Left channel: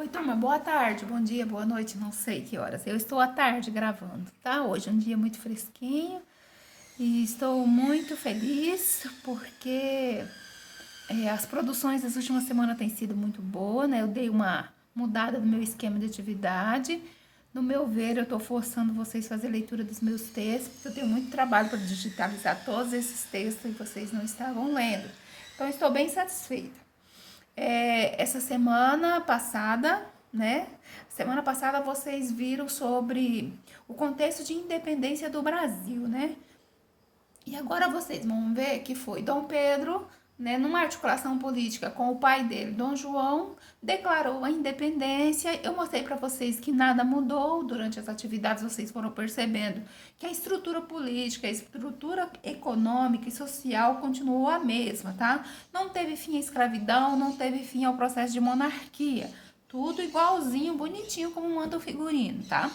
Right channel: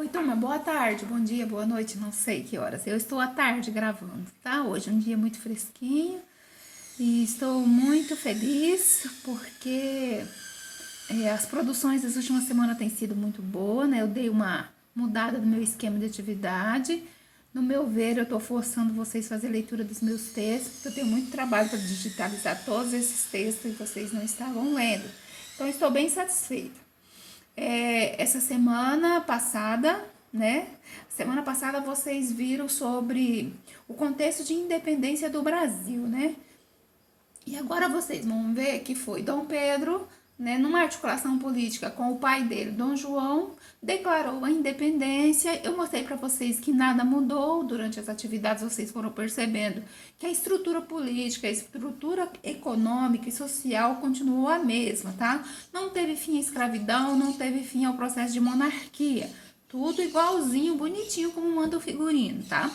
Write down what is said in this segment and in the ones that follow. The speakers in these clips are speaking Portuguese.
Oi, turma, boa tarde, bom dia, boa noite, não sei que horas. Eu estou à tarde gravando, tá? Hoje é um dia muito fresquinho e estou muito feliz porque as produções das últimas semanas têm sido muito boas, né? Eu dei uma mudada no meu esquema de atividade. No meu ver, eu estou forçando vocês a fazer leitura dos meus textos, porque eu tenho muito trabalho para digitalizar todos esses textos e vocês não estavam lendo. Então, estou bem satisfeita. Essa semana passada, né? Semana passada vocês viram sobre o contexto de independência do Brasil, né? E agora vocês vão ver que foi Dom Pedro, né, numa articulação política com o pai dele, Dom João, declarou a independência. Eu mostrei para vocês que nada mudou durante as atividades, vocês foram percebendo que a estrutura política, a estrutura econômica e social continuou a mesma, tá? Não teve fim à escravidão, não teve fim ao processo de monarquia. Tudo igualzinho, bonitinho, como manda o figurino, tá?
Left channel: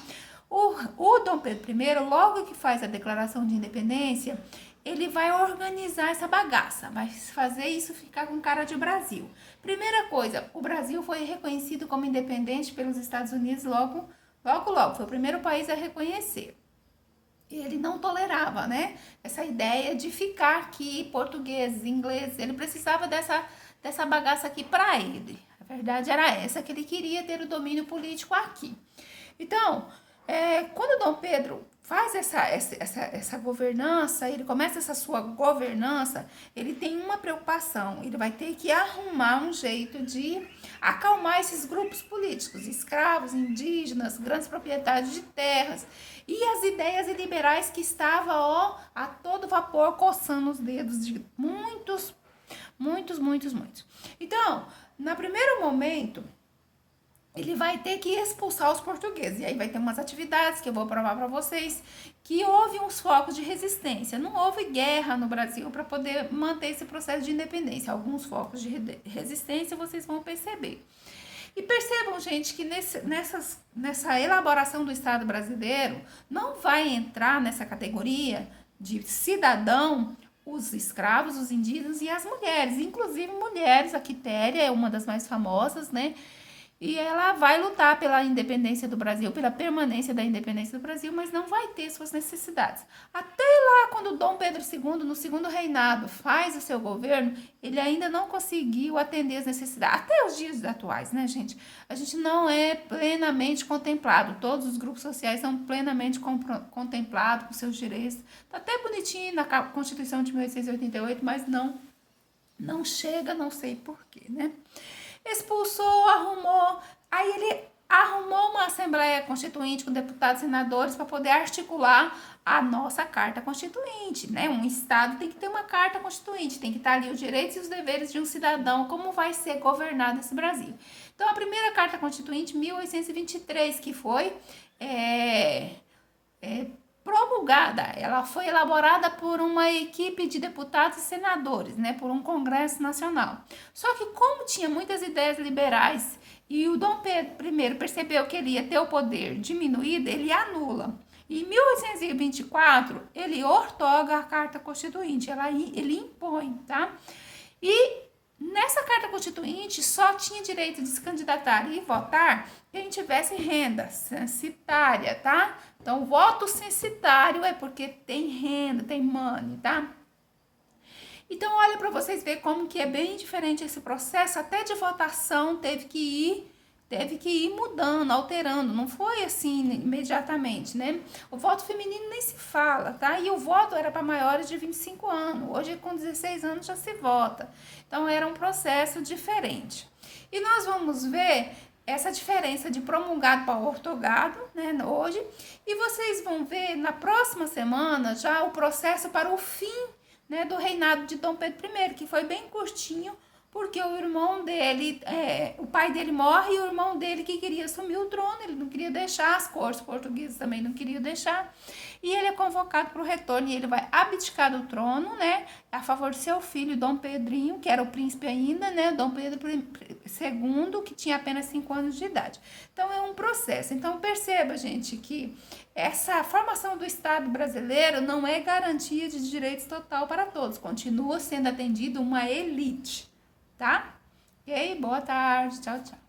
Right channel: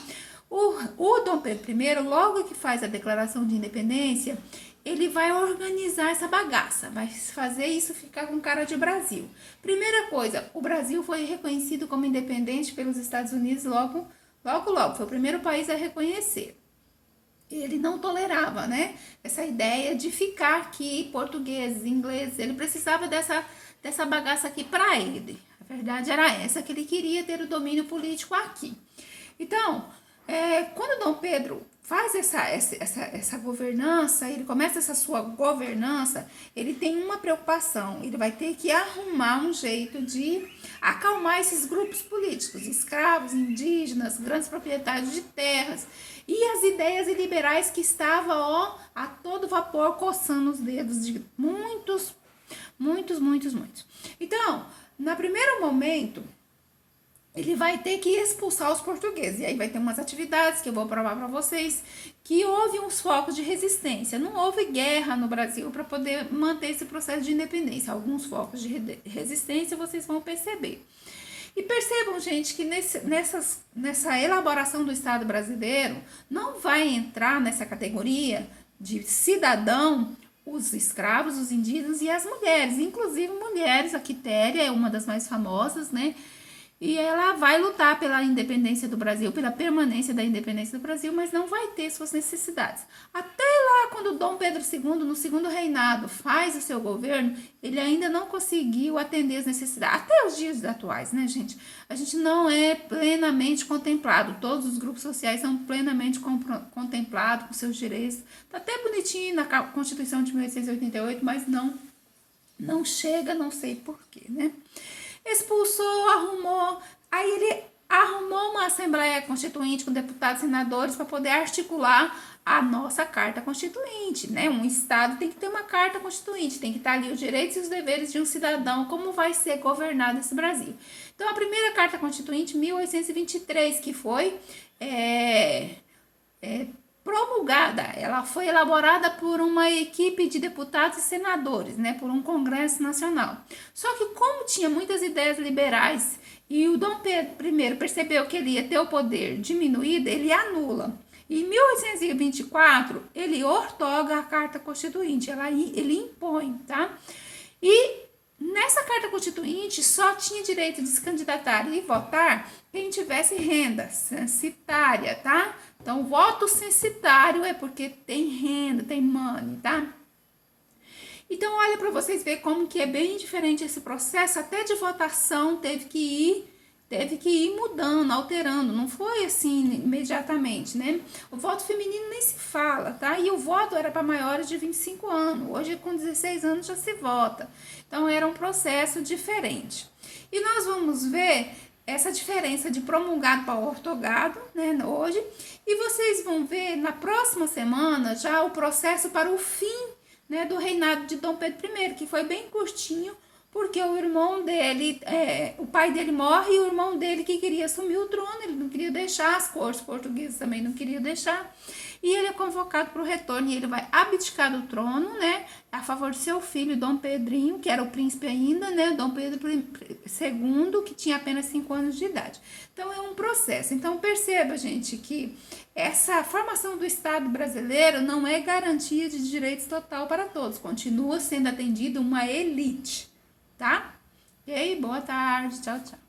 O Dom Pedro I, logo que faz a declaração de independência, ele vai organizar essa bagaça, vai fazer isso ficar com cara de Brasil. Primeira coisa, o Brasil foi reconhecido como independente pelos Estados Unidos logo. Foi o primeiro país a reconhecer. Ele não tolerava, né, essa ideia de ficar aqui português, inglês, ele precisava dessa bagaça aqui para ele. A verdade era essa, que ele queria ter o domínio político aqui. Então, quando Dom Pedro faz essa governança, ele começa essa sua governança, ele tem uma preocupação, ele vai ter que arrumar um jeito de acalmar esses grupos políticos, escravos, indígenas, grandes proprietários de terras, e as ideias liberais que estavam, a todo vapor, coçando os dedos de muitos. Então, no primeiro momento, ele vai ter que expulsar os portugueses. E aí vai ter umas atividades que eu vou provar para vocês que houve uns focos de resistência. Não houve guerra no Brasil para poder manter esse processo de independência. Alguns focos de resistência vocês vão perceber. E percebam, gente, que nessa elaboração do Estado brasileiro não vai entrar nessa categoria de cidadão os escravos, os indígenas e as mulheres. Inclusive mulheres, a Quitéria é uma das mais famosas, né? E ela vai lutar pela independência do Brasil, pela permanência da independência do Brasil, mas não vai ter suas necessidades. Até lá, quando Dom Pedro II, no segundo reinado, faz o seu governo, ele ainda não conseguiu atender as necessidades. Até os dias atuais, né, gente? A gente não é plenamente contemplado. Todos os grupos sociais são plenamente contemplados com seus direitos. Tá até bonitinho na Constituição de 1888, mas não chega, não sei porquê, né? Expulsou, arrumou, aí ele arrumou uma Assembleia Constituinte com deputados e senadores para poder articular a nossa Carta Constituinte, né? Um Estado tem que ter uma Carta Constituinte, tem que estar ali os direitos e os deveres de um cidadão, como vai ser governado esse Brasil. Então, a primeira Carta Constituinte, 1823, que foi promulgada, ela foi elaborada por uma equipe de deputados e senadores, né, por um Congresso Nacional. Só que como tinha muitas ideias liberais e o Dom Pedro I percebeu que ele ia ter o poder diminuído, ele anula. Em 1824, ele outorga a Carta Constituinte, ele impõe, tá? E nessa Carta Constituinte só tinha direito de se candidatar e votar quem tivesse renda censitária, tá? Então, voto censitário é porque tem renda, tem money, tá? Então, olha para vocês verem como que é bem diferente esse processo, até de votação teve que ir mudando, alterando, não foi assim imediatamente, né? O voto feminino nem se fala, tá? E o voto era para maiores de 25 anos, hoje com 16 anos já se vota. Então, era um processo diferente. E nós vamos ver essa diferença de promulgado para outorgado, né, hoje, e vocês vão ver na próxima semana já o processo para o fim, né, do reinado de Dom Pedro I, que foi bem curtinho, porque o irmão dele, o pai dele morre e o irmão dele que queria assumir o trono, ele não queria deixar, as cortes portuguesas também não queriam deixar, e ele é convocado para o retorno e ele vai abdicar do trono, né, a favor do seu filho, Dom Pedrinho, que era o príncipe ainda, né, Dom Pedro II, que tinha apenas 5 anos de idade. Então, é um processo. Então, perceba, gente, que essa formação do Estado brasileiro não é garantia de direitos total para todos, continua sendo atendida uma elite, tá? E aí, boa tarde, tchau, tchau.